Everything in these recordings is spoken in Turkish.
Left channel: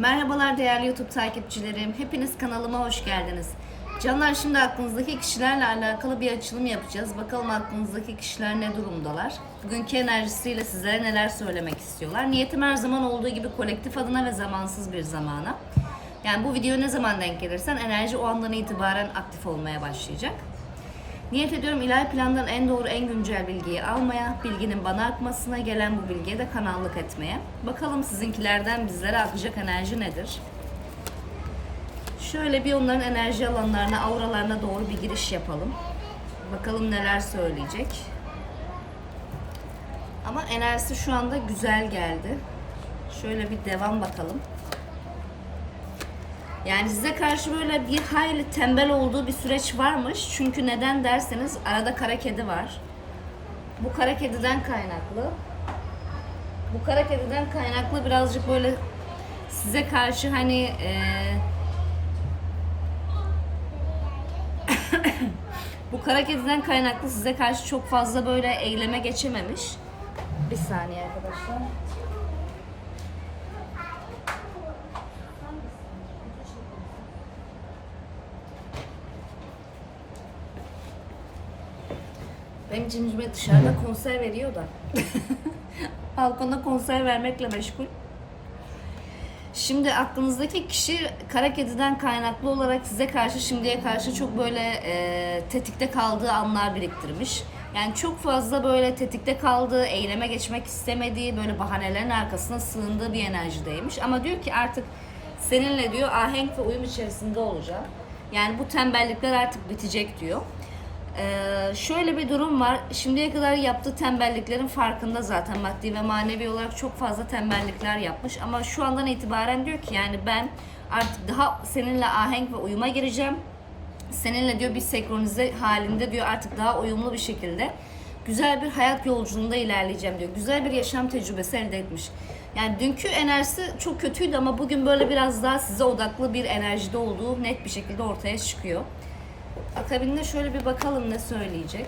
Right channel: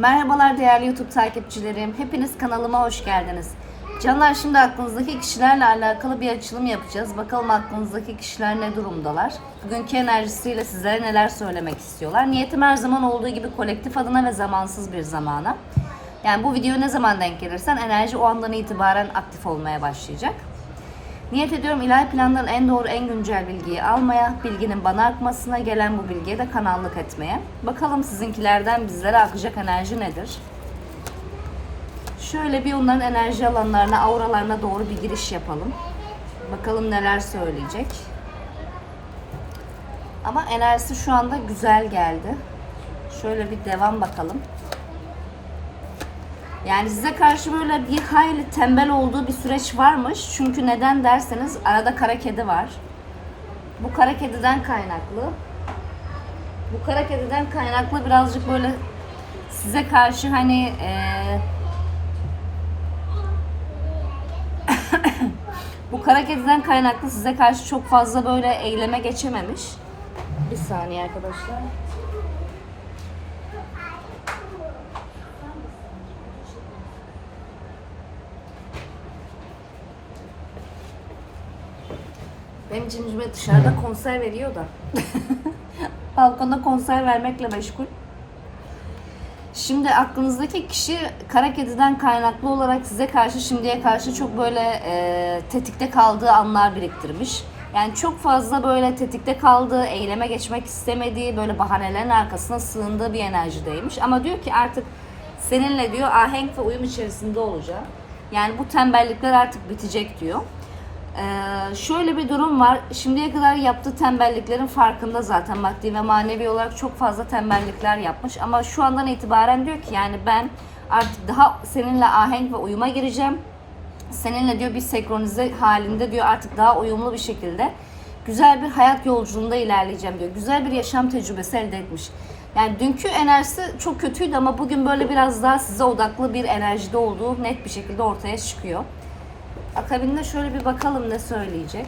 Merhabalar değerli YouTube takipçilerim. Hepiniz kanalıma hoş geldiniz. Canlar şimdi aklınızdaki kişilerle alakalı bir açılım yapacağız. Bakalım aklınızdaki kişiler ne durumdalar? Bugünkü enerjisiyle sizlere neler söylemek istiyorlar? Niyetim her zaman olduğu gibi kolektif adına ve zamansız bir zamana. Yani bu video ne zaman denk gelirsen enerji o andan itibaren aktif olmaya başlayacak. Niyet ediyorum ilahi plandan en doğru, en güncel bilgiyi almaya, bilginin bana akmasına, gelen bu bilgiye de kanallık etmeye. Bakalım sizinkilerden bizlere akacak enerji nedir? Şöyle bir onların enerji alanlarına, auralarına doğru bir giriş yapalım. Bakalım neler söyleyecek. Ama enerjisi şu anda güzel geldi. Şöyle bir devam bakalım. Yani size karşı böyle bir hayli tembel olduğu bir süreç varmış. Çünkü neden derseniz arada kara kedi var. Bu kara kediden kaynaklı. Bu kara kediden kaynaklı birazcık böyle size karşı hani eee bu kara kediden kaynaklı size karşı çok fazla böyle eyleme geçememiş. Bir saniye arkadaşlar. Cimcime dışarıda konser veriyor da. Balkonda konser vermekle meşgul. Şimdi aklınızdaki kişi kara kediden kaynaklı olarak size karşı şimdiye karşı çok böyle e, tetikte kaldığı anlar biriktirmiş. Yani çok fazla böyle tetikte kaldığı, eyleme geçmek istemediği, böyle bahanelerin arkasına sığındığı bir enerjideymiş. Ama diyor ki artık seninle diyor ahenk ve uyum içerisinde olacağım. Yani bu tembellikler artık bitecek diyor. Ee, şöyle bir durum var. Şimdiye kadar yaptığı tembelliklerin farkında zaten maddi ve manevi olarak çok fazla tembellikler yapmış. Ama şu andan itibaren diyor ki yani ben artık daha seninle ahenk ve uyuma gireceğim. Seninle diyor bir senkronize halinde diyor artık daha uyumlu bir şekilde güzel bir hayat yolculuğunda ilerleyeceğim diyor. Güzel bir yaşam tecrübesi elde etmiş. Yani dünkü enerjisi çok kötüydü ama bugün böyle biraz daha size odaklı bir enerjide olduğu net bir şekilde ortaya çıkıyor. Akabinde şöyle bir bakalım ne söyleyecek.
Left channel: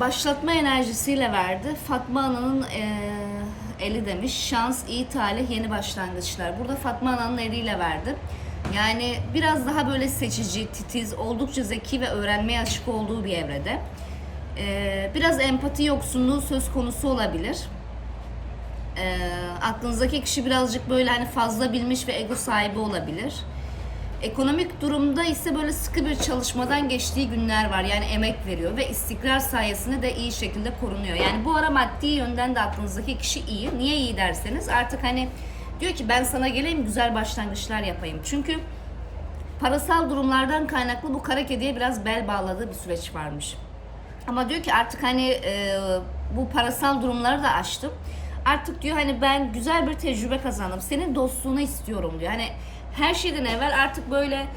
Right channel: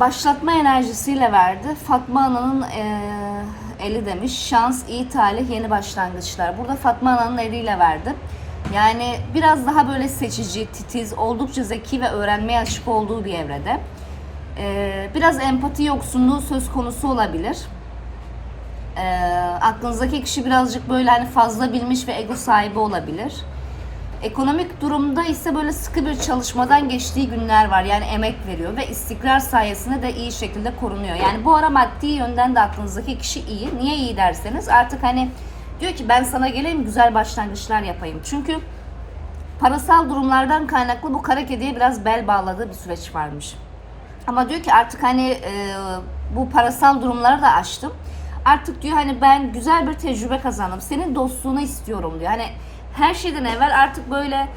Başlatma enerjisiyle verdi. Fatma Ana'nın eee, eli demiş. Şans, iyi talih, yeni başlangıçlar. Burada Fatma Ana'nın eliyle verdi. Yani biraz daha böyle seçici, titiz, oldukça zeki ve öğrenmeye açık olduğu bir evrede. Eee, biraz empati yoksunluğu söz konusu olabilir. Eee, aklınızdaki kişi birazcık böyle hani fazla bilmiş ve ego sahibi olabilir. Ekonomik durumda ise böyle sıkı bir çalışmadan geçtiği günler var. Yani emek veriyor ve istikrar sayesinde de iyi şekilde korunuyor. Yani bu ara maddi yönden de aklınızdaki kişi iyi. Niye iyi derseniz artık hani diyor ki ben sana geleyim güzel başlangıçlar yapayım. Çünkü parasal durumlardan kaynaklı bu kara kediye biraz bel bağladığı bir süreç varmış. Ama diyor ki artık hani e, bu parasal durumları da aştım. Artık diyor hani ben güzel bir tecrübe kazandım. Senin dostluğunu istiyorum diyor. Hani her şeyden evvel artık böyle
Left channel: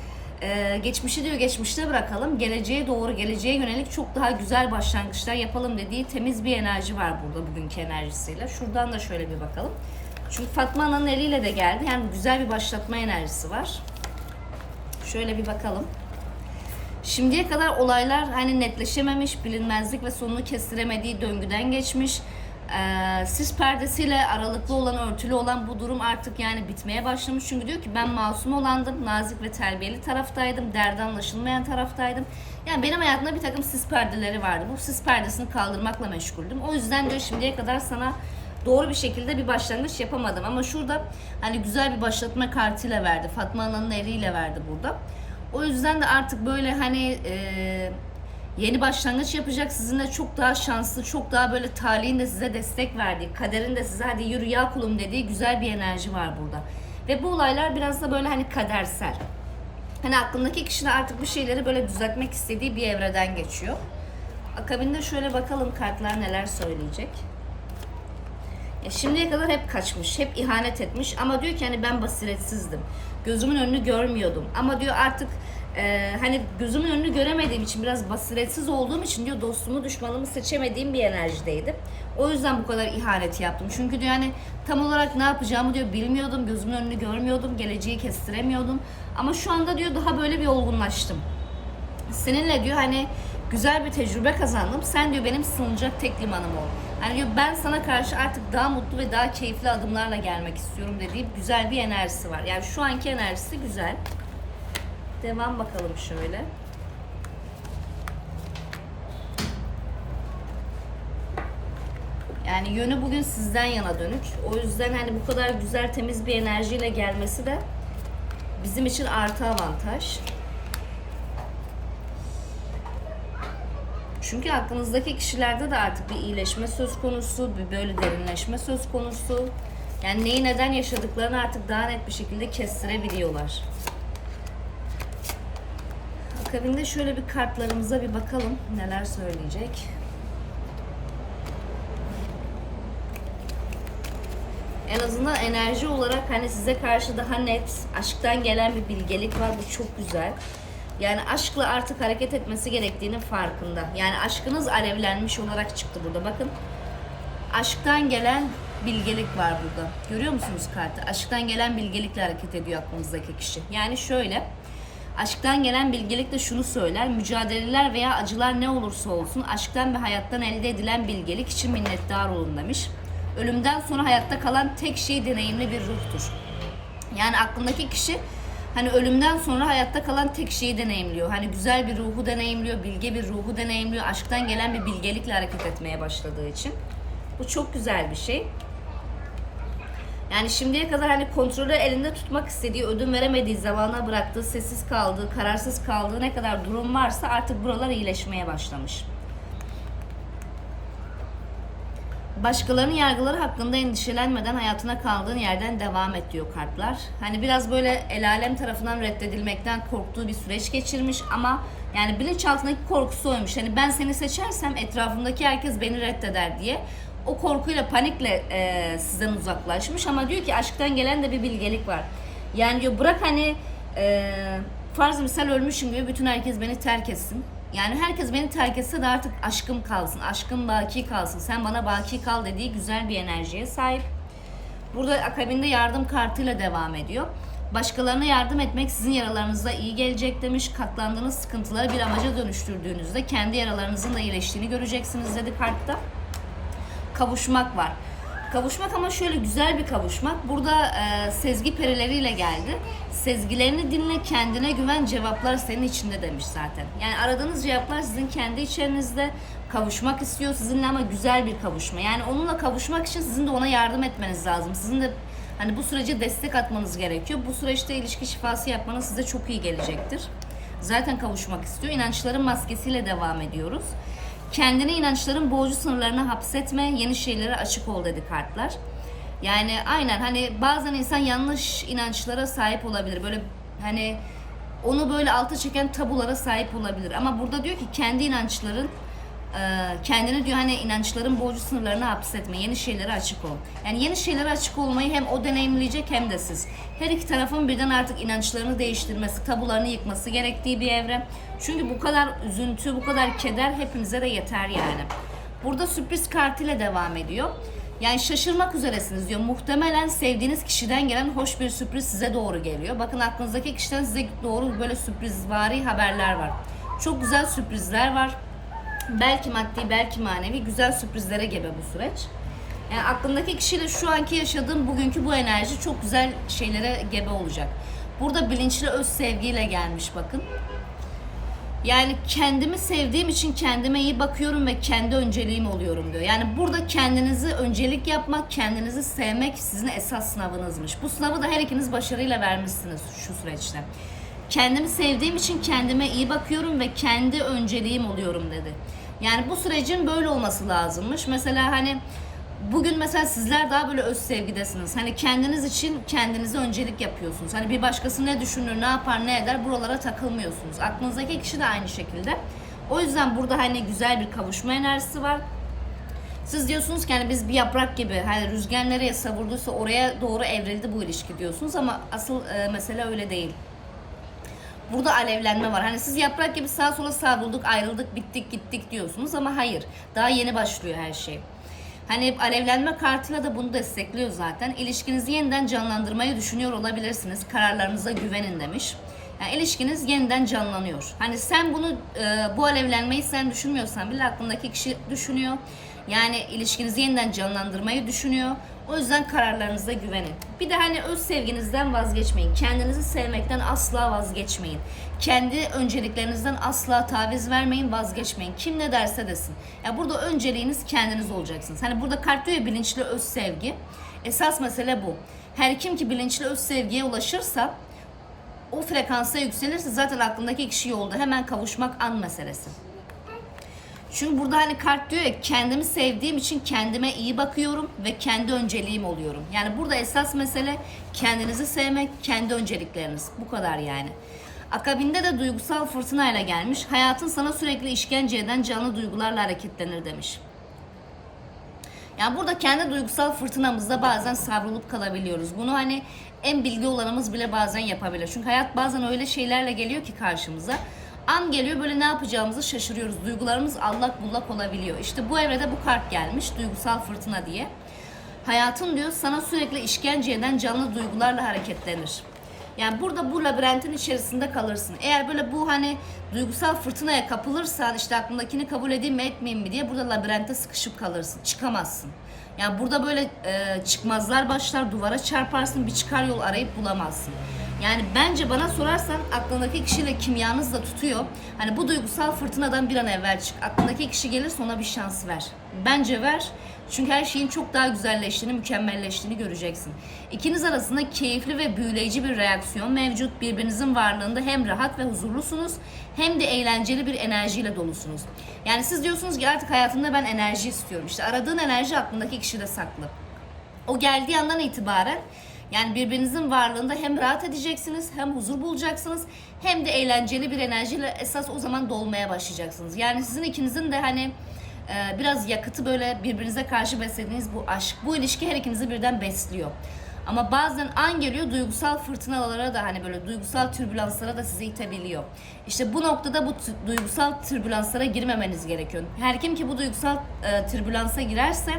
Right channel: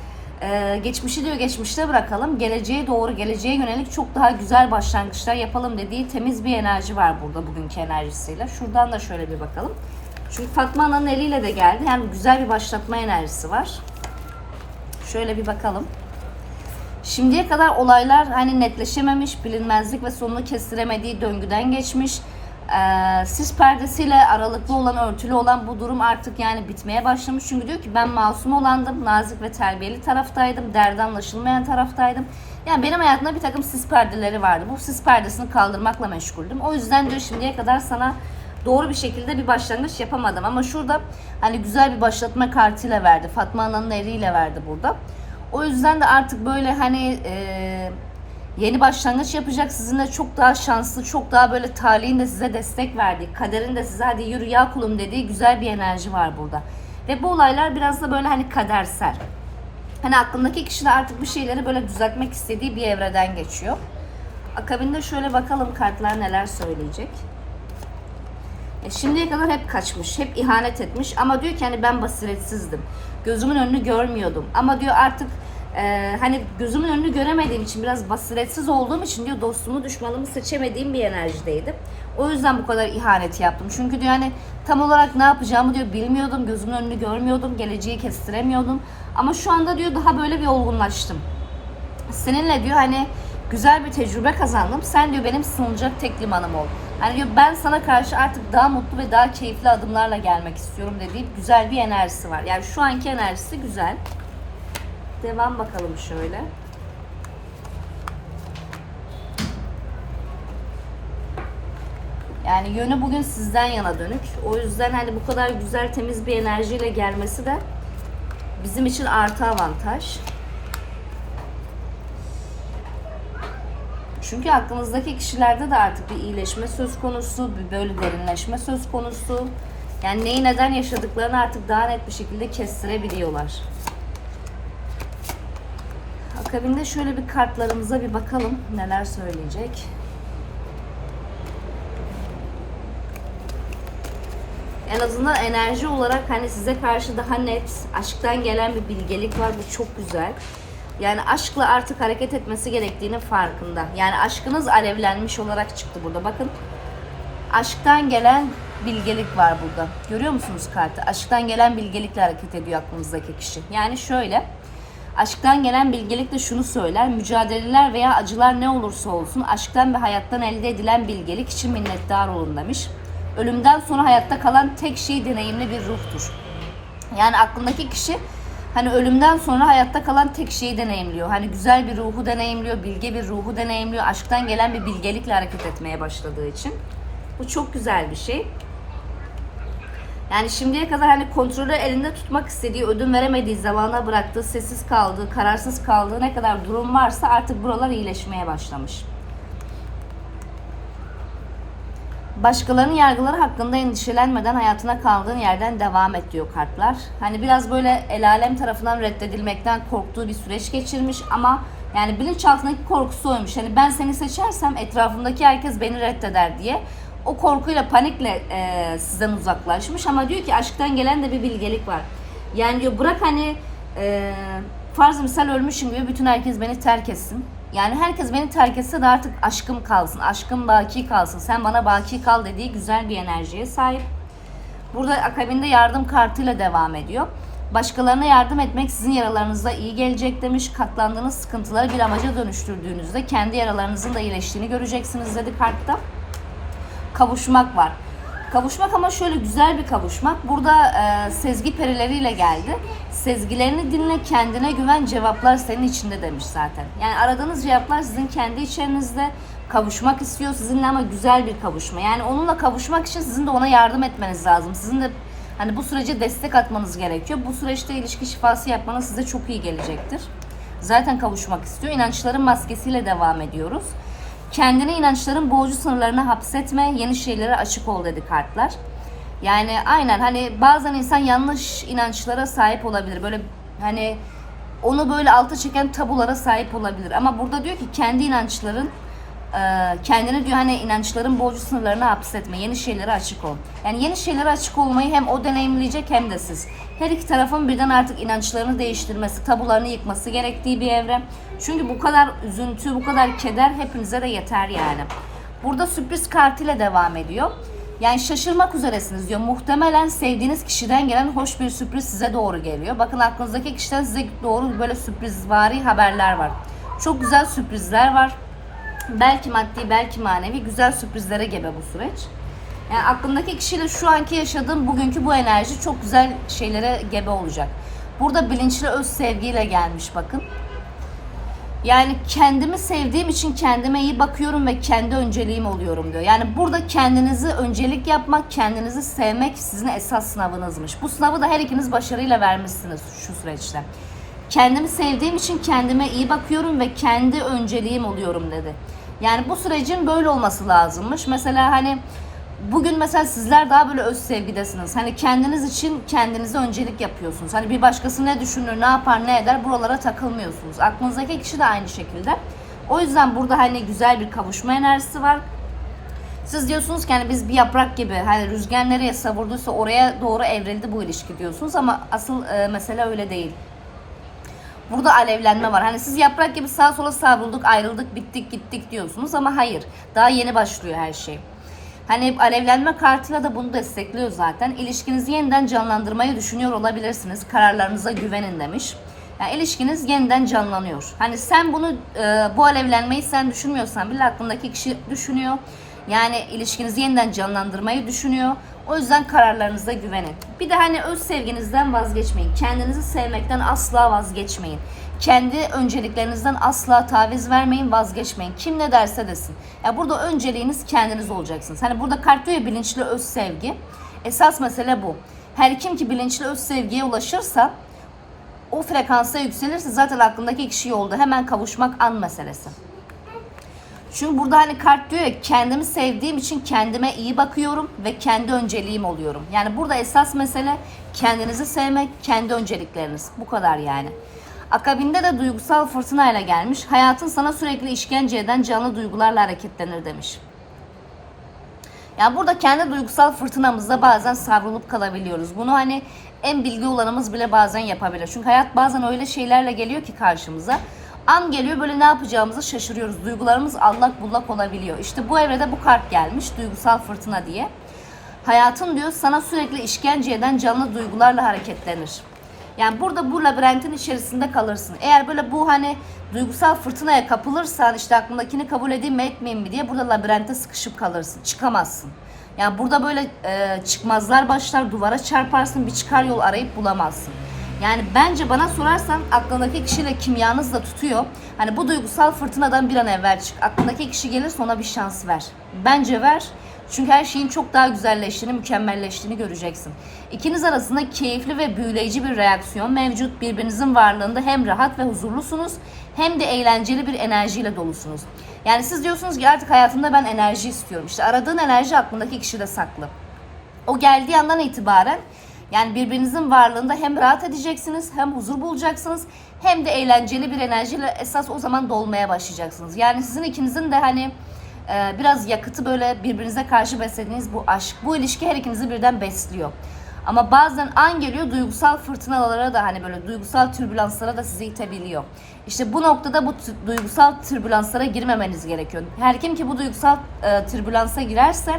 e, geçmişi diyor geçmişte bırakalım. Geleceğe doğru, geleceğe yönelik çok daha güzel başlangıçlar yapalım dediği temiz bir enerji var burada bugünkü enerjisiyle. Şuradan da şöyle bir bakalım. Çünkü Fatma Ana'nın eliyle de geldi. Yani güzel bir başlatma enerjisi var. Şöyle bir bakalım. Şimdiye kadar olaylar hani netleşememiş, bilinmezlik ve sonunu kestiremediği döngüden geçmiş. Ee, sis perdesiyle aralıklı olan, örtülü olan bu durum artık yani bitmeye başlamış. Çünkü diyor ki ben masum olandım, nazik ve terbiyeli taraftaydım, derdi anlaşılmayan taraftaydım. Yani benim hayatımda bir takım sis perdeleri vardı. Bu sis perdesini kaldırmakla meşguldüm. O yüzden diyor şimdiye kadar sana doğru bir şekilde bir başlangıç yapamadım. Ama şurada hani güzel bir başlatma kartıyla verdi. Fatma Ana'nın eliyle verdi burada. O yüzden de artık böyle hani e, yeni başlangıç yapacak. Sizinle çok daha şanslı, çok daha böyle talihin de size destek verdiği, kaderin de size hadi yürü ya kulum dediği güzel bir enerji var burada. Ve bu olaylar biraz da böyle hani kadersel. Hani aklındaki kişi de artık bir şeyleri böyle düzeltmek istediği bir evreden geçiyor. Akabinde şöyle bakalım kartlar neler söyleyecek. E, şimdiye kadar hep kaçmış, hep ihanet etmiş ama diyor ki hani ben basiretsizdim. Gözümün önünü görmüyordum. Ama diyor artık e, hani gözümün önünü göremediğim için biraz basiretsiz olduğum için diyor dostumu düşmanımı seçemediğim bir enerjideydim. O yüzden bu kadar ihanet yaptım. Çünkü diyor hani tam olarak ne yapacağımı diyor bilmiyordum. Gözümün önünü görmüyordum. Geleceği kestiremiyordum. Ama şu anda diyor daha böyle bir olgunlaştım. Seninle diyor hani güzel bir tecrübe kazandım. Sen diyor benim sığınacak tek limanım ol. Hani diyor, ben sana karşı artık daha mutlu ve daha keyifli adımlarla gelmek istiyorum dediği güzel bir enerjisi var. Yani şu anki enerjisi güzel. Devam bakalım şöyle. Yani yönü bugün sizden yana dönük. O yüzden hani bu kadar güzel temiz bir enerjiyle gelmesi de bizim için artı avantaj. Çünkü aklınızdaki kişilerde de artık bir iyileşme söz konusu, bir böyle derinleşme söz konusu. Yani neyi neden yaşadıklarını artık daha net bir şekilde kestirebiliyorlar. Akabinde şöyle bir kartlarımıza bir bakalım neler söyleyecek. En azından enerji olarak hani size karşı daha net, aşktan gelen bir bilgelik var. Bu çok güzel. Yani aşkla artık hareket etmesi gerektiğini farkında. Yani aşkınız alevlenmiş olarak çıktı burada. Bakın aşktan gelen bilgelik var burada. Görüyor musunuz kartı? Aşktan gelen bilgelikle hareket ediyor aklınızdaki kişi. Yani şöyle. Aşktan gelen bilgelik de şunu söyler. Mücadeleler veya acılar ne olursa olsun aşktan ve hayattan elde edilen bilgelik için minnettar olun demiş. Ölümden sonra hayatta kalan tek şey deneyimli bir ruhtur. Yani aklındaki kişi hani ölümden sonra hayatta kalan tek şeyi deneyimliyor. Hani güzel bir ruhu deneyimliyor, bilge bir ruhu deneyimliyor. Aşktan gelen bir bilgelikle hareket etmeye başladığı için. Bu çok güzel bir şey. Yani şimdiye kadar hani kontrolü elinde tutmak istediği, ödün veremediği, zamana bıraktığı, sessiz kaldığı, kararsız kaldığı ne kadar durum varsa artık buralar iyileşmeye başlamış. Başkalarının yargıları hakkında endişelenmeden hayatına kaldığın yerden devam et diyor kartlar. Hani biraz böyle el alem tarafından reddedilmekten korktuğu bir süreç geçirmiş ama yani bilinçaltındaki korkusu oymuş. Hani ben seni seçersem etrafımdaki herkes beni reddeder diye o korkuyla panikle e, sizden uzaklaşmış ama diyor ki aşktan gelen de bir bilgelik var. Yani diyor bırak hani e, farz misal ölmüşüm gibi bütün herkes beni terk etsin. Yani herkes beni terk etse de artık aşkım kalsın, aşkım baki kalsın, sen bana baki kal dediği güzel bir enerjiye sahip. Burada akabinde yardım kartıyla devam ediyor. Başkalarına yardım etmek sizin yaralarınıza iyi gelecek demiş. Katlandığınız sıkıntıları bir amaca dönüştürdüğünüzde kendi yaralarınızın da iyileştiğini göreceksiniz dedi kartta. Kavuşmak var. Kavuşmak ama şöyle güzel bir kavuşmak. Burada e, sezgi perileriyle geldi. Sezgilerini dinle, kendine güven, cevaplar senin içinde demiş zaten. Yani aradığınız cevaplar sizin kendi içerinizde kavuşmak istiyor sizinle ama güzel bir kavuşma. Yani onunla kavuşmak için sizin de ona yardım etmeniz lazım. Sizin de hani bu sürece destek atmanız gerekiyor. Bu süreçte ilişki şifası yapmanız size çok iyi gelecektir. Zaten kavuşmak istiyor. İnançların maskesiyle devam ediyoruz. Kendini inançların boğucu sınırlarına hapsetme, yeni şeylere açık ol dedi kartlar. Yani aynen hani bazen insan yanlış inançlara sahip olabilir. Böyle hani onu böyle alta çeken tabulara sahip olabilir. Ama burada diyor ki kendi inançların kendini diyor hani inançların boğucu sınırlarına hapsetme. Yeni şeylere açık ol. Yani yeni şeylere açık olmayı hem o deneyimleyecek hem de siz. Her iki tarafın birden artık inançlarını değiştirmesi, tabularını yıkması gerektiği bir evre. Çünkü bu kadar üzüntü, bu kadar keder hepinize de yeter yani. Burada sürpriz kartıyla devam ediyor. Yani şaşırmak üzeresiniz diyor. Muhtemelen sevdiğiniz kişiden gelen hoş bir sürpriz size doğru geliyor. Bakın aklınızdaki kişiden size doğru böyle sürprizvari haberler var. Çok güzel sürprizler var. Belki maddi, belki manevi güzel sürprizlere gebe bu süreç. Yani aklımdaki kişiyle şu anki yaşadığım bugünkü bu enerji çok güzel şeylere gebe olacak. Burada bilinçli öz sevgiyle gelmiş bakın. Yani kendimi sevdiğim için kendime iyi bakıyorum ve kendi önceliğim oluyorum diyor. Yani burada kendinizi öncelik yapmak, kendinizi sevmek sizin esas sınavınızmış. Bu sınavı da her ikiniz başarıyla vermişsiniz şu süreçte. Kendimi sevdiğim için kendime iyi bakıyorum ve kendi önceliğim oluyorum dedi. Yani bu sürecin böyle olması lazımmış. Mesela hani bugün mesela sizler daha böyle öz sevgidesiniz. Hani kendiniz için kendinize öncelik yapıyorsunuz. Hani bir başkası ne düşünür, ne yapar, ne eder buralara takılmıyorsunuz. Aklınızdaki kişi de aynı şekilde. O yüzden burada hani güzel bir kavuşma enerjisi var. Siz diyorsunuz ki hani biz bir yaprak gibi hani rüzgar nereye savurduysa oraya doğru evrildi bu ilişki diyorsunuz ama asıl e, mesele öyle değil. Burada alevlenme var. Hani siz yaprak gibi sağa sola savrulduk, ayrıldık, bittik, gittik diyorsunuz ama hayır. Daha yeni başlıyor her şey. Hani alevlenme kartıyla da bunu destekliyor zaten. İlişkinizi yeniden canlandırmayı düşünüyor olabilirsiniz. Kararlarınıza güvenin demiş. Yani ilişkiniz yeniden canlanıyor. Hani sen bunu e, bu alevlenmeyi sen düşünmüyorsan bile aklındaki kişi düşünüyor. Yani ilişkinizi yeniden canlandırmayı düşünüyor. O yüzden kararlarınıza güvenin. Bir de hani öz sevginizden vazgeçmeyin. Kendinizi sevmekten asla vazgeçmeyin. Kendi önceliklerinizden asla taviz vermeyin, vazgeçmeyin. Kim ne derse desin. Ya burada önceliğiniz kendiniz olacaksınız. Hani burada kart diyor ya bilinçli öz sevgi. Esas mesele bu. Her kim ki bilinçli öz sevgiye ulaşırsa o frekansa yükselirse zaten aklındaki kişi yolda. Hemen kavuşmak an meselesi. Çünkü burada hani kart diyor ya kendimi sevdiğim için kendime iyi bakıyorum ve kendi önceliğim oluyorum. Yani burada esas mesele kendinizi sevmek, kendi öncelikleriniz. Bu kadar yani. Akabinde de duygusal fırtınayla gelmiş. Hayatın sana sürekli işkence eden canlı duygularla hareketlenir demiş. Yani burada kendi duygusal fırtınamızda bazen savrulup kalabiliyoruz. Bunu hani en bilgi olanımız bile bazen yapabilir. Çünkü hayat bazen öyle şeylerle geliyor ki karşımıza. An geliyor böyle ne yapacağımızı şaşırıyoruz. Duygularımız allak bullak olabiliyor. İşte bu evrede bu kart gelmiş duygusal fırtına diye. Hayatın diyor sana sürekli işkence eden canlı duygularla hareketlenir. Yani burada bu labirentin içerisinde kalırsın. Eğer böyle bu hani duygusal fırtınaya kapılırsan işte aklındakini kabul edeyim mi etmeyeyim mi diye burada labirentte sıkışıp kalırsın. Çıkamazsın. Yani burada böyle e, çıkmazlar başlar, duvara çarparsın, bir çıkar yol arayıp bulamazsın. Yani bence bana sorarsan aklındaki kişiyle kimyanız da tutuyor. Hani bu duygusal fırtınadan bir an evvel çık. Aklındaki kişi gelirse ona bir şans ver. Bence ver. Çünkü her şeyin çok daha güzelleştiğini, mükemmelleştiğini göreceksin. İkiniz arasında keyifli ve büyüleyici bir reaksiyon mevcut. Birbirinizin varlığında hem rahat ve huzurlusunuz hem de eğlenceli bir enerjiyle dolusunuz. Yani siz diyorsunuz ki artık hayatımda ben enerji istiyorum. İşte aradığın enerji aklındaki kişide saklı. O geldiği andan itibaren yani birbirinizin varlığında hem rahat edeceksiniz, hem huzur bulacaksınız, hem de eğlenceli bir enerjiyle esas o zaman dolmaya başlayacaksınız. Yani sizin ikinizin de hani e, biraz yakıtı böyle birbirinize karşı beslediğiniz bu aşk, bu ilişki her ikinizi birden besliyor. Ama bazen an geliyor duygusal fırtınalara da hani böyle duygusal türbülanslara da sizi itebiliyor. İşte bu noktada bu duygusal türbülanslara girmemeniz gerekiyor. Her kim ki bu duygusal e, türbülansa girerse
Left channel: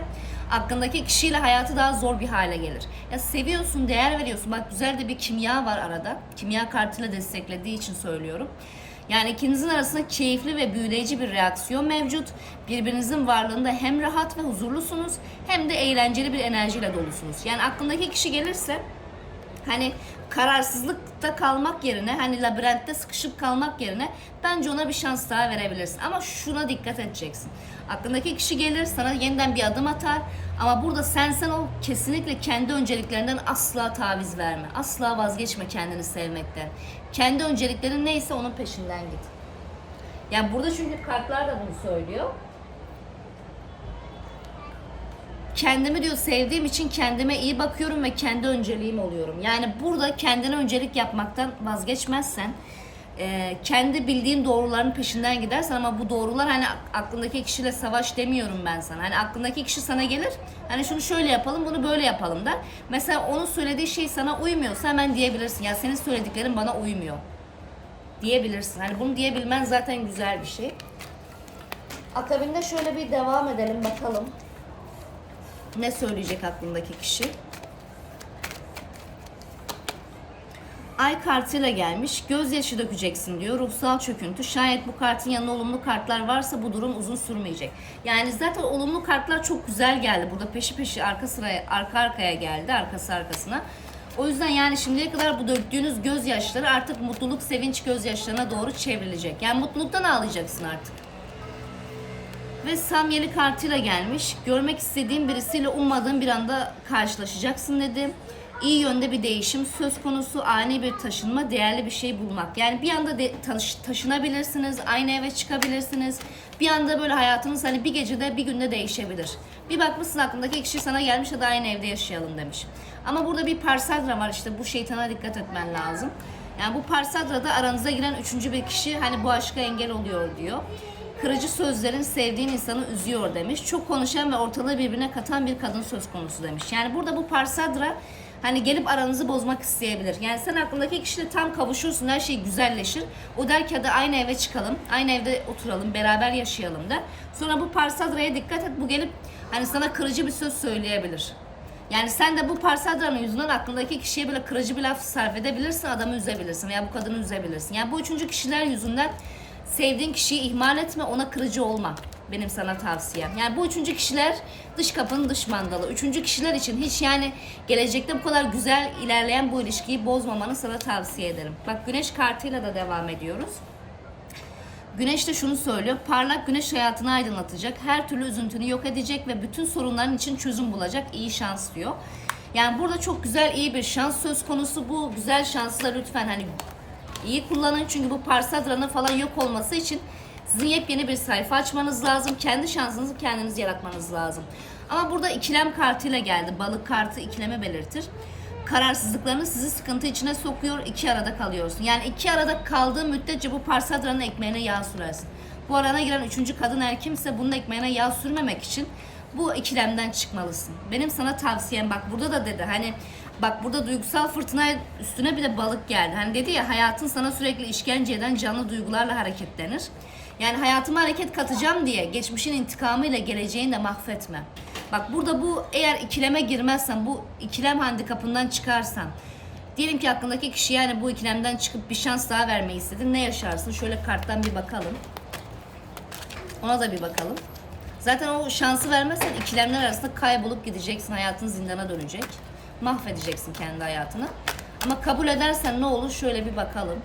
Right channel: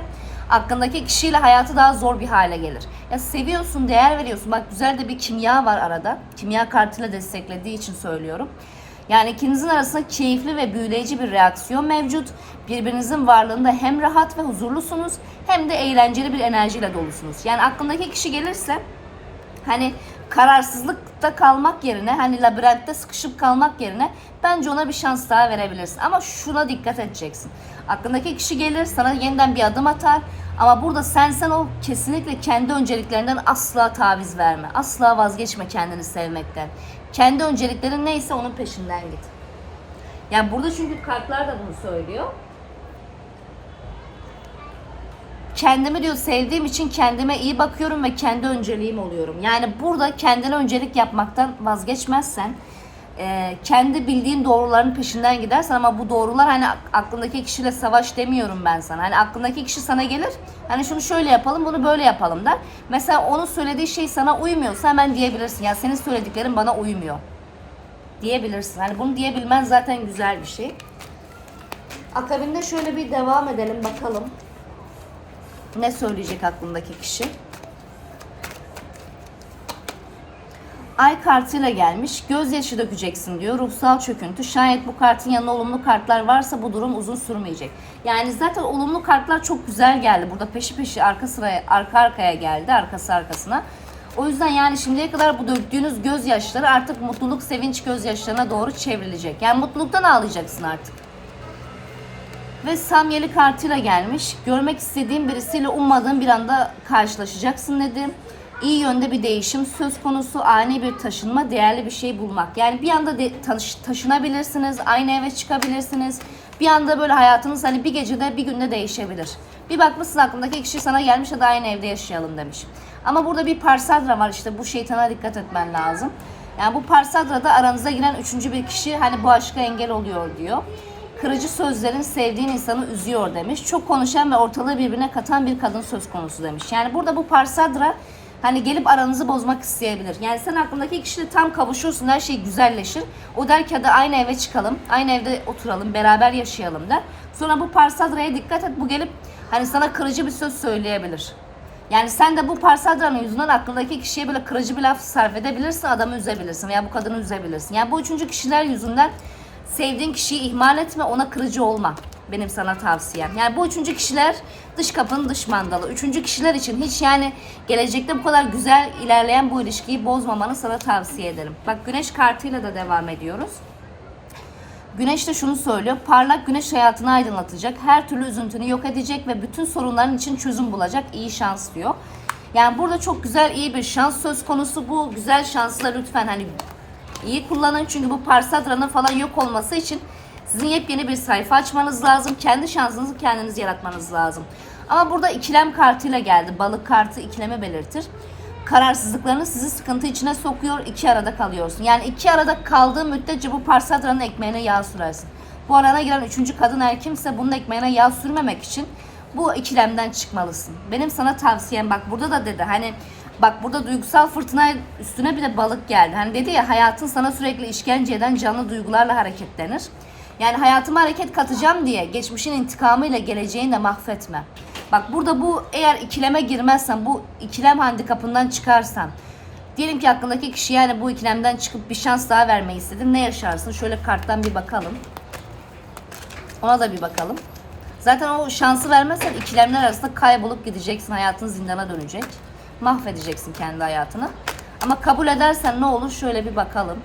aklındaki kişiyle hayatı daha zor bir hale gelir. Ya seviyorsun, değer veriyorsun. Bak güzel de bir kimya var arada. Kimya kartıyla desteklediği için söylüyorum. Yani ikinizin arasında keyifli ve büyüleyici bir reaksiyon mevcut. Birbirinizin varlığında hem rahat ve huzurlusunuz hem de eğlenceli bir enerjiyle dolusunuz. Yani aklındaki kişi gelirse hani kararsızlıkta kalmak yerine hani labirentte sıkışıp kalmak yerine bence ona bir şans daha verebilirsin. Ama şuna dikkat edeceksin. Aklındaki kişi gelir sana yeniden bir adım atar ama burada sen sen ol kesinlikle kendi önceliklerinden asla taviz verme. Asla vazgeçme kendini sevmekten. Kendi önceliklerin neyse onun peşinden git. Yani burada çünkü kartlar da bunu söylüyor. kendimi diyor sevdiğim için kendime iyi bakıyorum ve kendi önceliğim oluyorum. Yani burada kendine öncelik yapmaktan vazgeçmezsen e, kendi bildiğin doğruların peşinden gidersen ama bu doğrular hani ak- aklındaki kişiyle savaş demiyorum ben sana. Hani aklındaki kişi sana gelir hani şunu şöyle yapalım bunu böyle yapalım der. Mesela onun söylediği şey sana uymuyorsa hemen diyebilirsin. Ya senin söylediklerin bana uymuyor diyebilirsin. Hani bunu diyebilmen zaten güzel bir şey. Akabinde şöyle bir devam edelim bakalım. Ne söyleyecek aklındaki kişi? Ay kartıyla gelmiş. Gözyaşı dökeceksin diyor. Ruhsal çöküntü. Şayet bu kartın yanında olumlu kartlar varsa bu durum uzun sürmeyecek. Yani zaten olumlu kartlar çok güzel geldi. Burada peşi peşi arka sıraya arka arkaya geldi. Arkası arkasına. O yüzden yani şimdiye kadar bu döktüğünüz gözyaşları artık mutluluk, sevinç gözyaşlarına doğru çevrilecek. Yani mutluluktan ağlayacaksın artık. Ve Samyeli kartıyla gelmiş. Görmek istediğim birisiyle ummadığın bir anda karşılaşacaksın dedi. İyi yönde bir değişim söz konusu, ani bir taşınma, değerli bir şey bulmak. Yani bir anda de, taş- taşınabilirsiniz, aynı eve çıkabilirsiniz. Bir anda böyle hayatınız hani bir gecede bir günde değişebilir. Bir bakmışsın aklındaki kişi sana gelmiş ya da aynı evde yaşayalım demiş. Ama burada bir parsadra var işte bu şeytana dikkat etmen lazım. Yani bu parsadrada aranıza giren üçüncü bir kişi hani bu aşka engel oluyor diyor. Kırıcı sözlerin sevdiğin insanı üzüyor demiş. Çok konuşan ve ortalığı birbirine katan bir kadın söz konusu demiş. Yani burada bu parsadra hani gelip aranızı bozmak isteyebilir. Yani sen aklındaki kişiyle tam kavuşursun, her şey güzelleşir. O der ki hadi aynı eve çıkalım, aynı evde oturalım, beraber yaşayalım der. Sonra bu parsadraya dikkat et, bu gelip hani sana kırıcı bir söz söyleyebilir. Yani sen de bu parsadranın yüzünden aklındaki kişiye böyle kırıcı bir laf sarf edebilirsin, adamı üzebilirsin veya bu kadını üzebilirsin. Yani bu üçüncü kişiler yüzünden sevdiğin kişiyi ihmal etme, ona kırıcı olma. Benim sana tavsiyem. Yani bu üçüncü kişiler dış kapının dış mandalı. Üçüncü kişiler için hiç yani gelecekte bu kadar güzel ilerleyen bu ilişkiyi bozmamanı sana tavsiye ederim. Bak güneş kartıyla da devam ediyoruz. Güneş de şunu söylüyor. Parlak güneş hayatını aydınlatacak. Her türlü üzüntünü yok edecek ve bütün sorunların için çözüm bulacak. İyi şans diyor. Yani burada çok güzel iyi bir şans söz konusu. Bu güzel şansla lütfen hani iyi kullanın. Çünkü bu Parsatran'ın falan yok olması için sizin yepyeni bir sayfa açmanız lazım. Kendi şansınızı kendiniz yaratmanız lazım. Ama burada ikilem kartıyla geldi. Balık kartı ikileme belirtir kararsızlıklarını sizi sıkıntı içine sokuyor. iki arada kalıyorsun. Yani iki arada kaldığı müddetçe bu parsadranın ekmeğine yağ sürersin. Bu arana giren üçüncü kadın her kimse bunun ekmeğine yağ sürmemek için bu ikilemden çıkmalısın. Benim sana tavsiyem bak burada da dedi hani bak burada duygusal fırtına üstüne bir de balık geldi. Hani dedi ya hayatın sana sürekli işkence eden canlı duygularla hareketlenir. Yani hayatıma hareket katacağım diye geçmişin intikamıyla geleceğini de mahvetme. Bak burada bu eğer ikileme girmezsen, bu ikilem handikapından çıkarsan, diyelim ki hakkındaki kişi yani bu ikilemden çıkıp bir şans daha vermeyi istedin. Ne yaşarsın? Şöyle karttan bir bakalım. Ona da bir bakalım. Zaten o şansı vermezsen ikilemler arasında kaybolup gideceksin. Hayatın zindana dönecek. Mahvedeceksin kendi hayatını. Ama kabul edersen ne olur? Şöyle bir bakalım.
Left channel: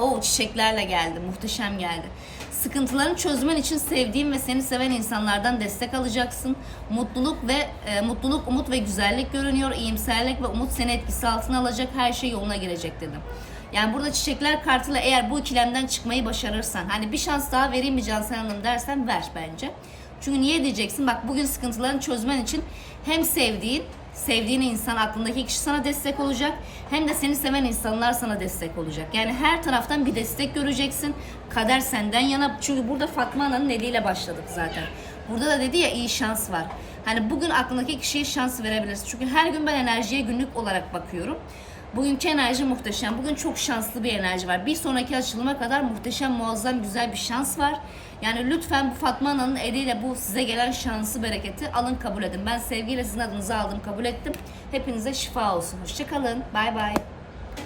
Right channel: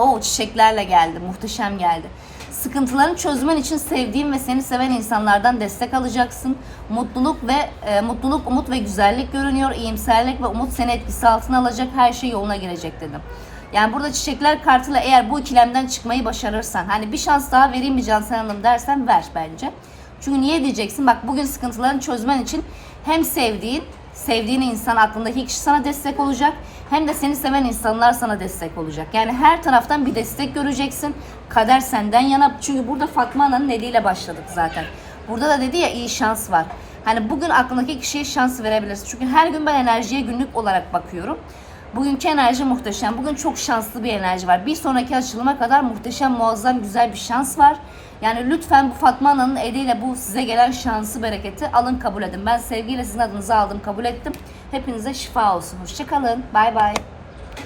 O çiçeklerle geldi. Muhteşem geldi. Sıkıntılarını çözmen için sevdiğin ve seni seven insanlardan destek alacaksın. Mutluluk ve e, mutluluk, umut ve güzellik görünüyor. İyimserlik ve umut seni etkisi altına alacak. Her şey yoluna girecek dedim. Yani burada çiçekler kartıyla eğer bu ikilemden çıkmayı başarırsan, hani bir şans daha vereyim mi Cansel Hanım dersen ver bence. Çünkü niye diyeceksin? Bak bugün sıkıntılarını çözmen için hem sevdiğin sevdiğin insan aklındaki kişi sana destek olacak hem de seni seven insanlar sana destek olacak. Yani her taraftan bir destek göreceksin. Kader senden yana çünkü burada Fatma Ana'nın eliyle başladık zaten. Burada da dedi ya iyi şans var. Hani bugün aklındaki kişiye şans verebilirsin. Çünkü her gün ben enerjiye günlük olarak bakıyorum. Bugünkü enerji muhteşem. Bugün çok şanslı bir enerji var. Bir sonraki açılıma kadar muhteşem, muazzam, güzel bir şans var. Yani lütfen bu Fatma Ana'nın eliyle bu size gelen şansı, bereketi alın kabul edin. Ben sevgiyle sizin adınızı aldım, kabul ettim. Hepinize şifa olsun. Hoşçakalın. Bay bay.